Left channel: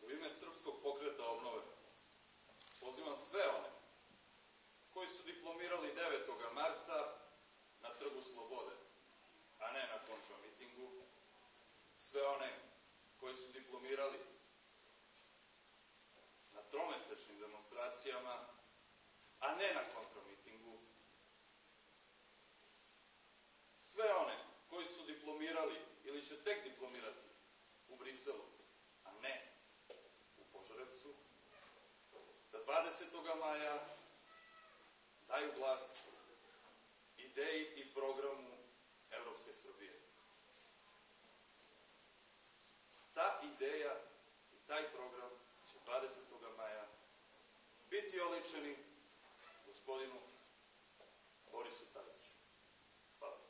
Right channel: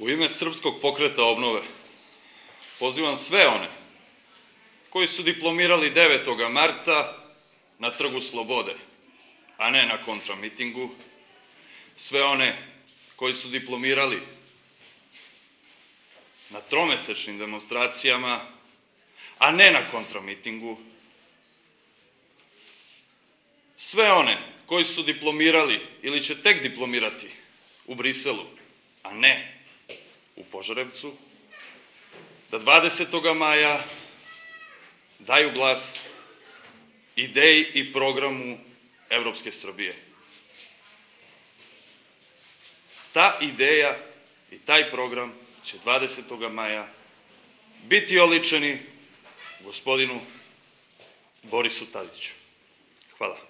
U ime Srpskog pokreta obnove pozivam sve one koji su diplomirali 9. marta na Trgu Slobode, a ne na kontramitingu, sve one koji su diplomirali na tromesečnim demonstracijama, a ne na kontramitingu, sve one koji su diplomirali ili će tek diplomirati u Briselu, a ne u Požarevcu, da 20. maja daju glas ideji i programu Evropske Srbije. Ta ideja i taj program će 20. maja biti oličeni gospodinu Borisu Tadiću. Hvala.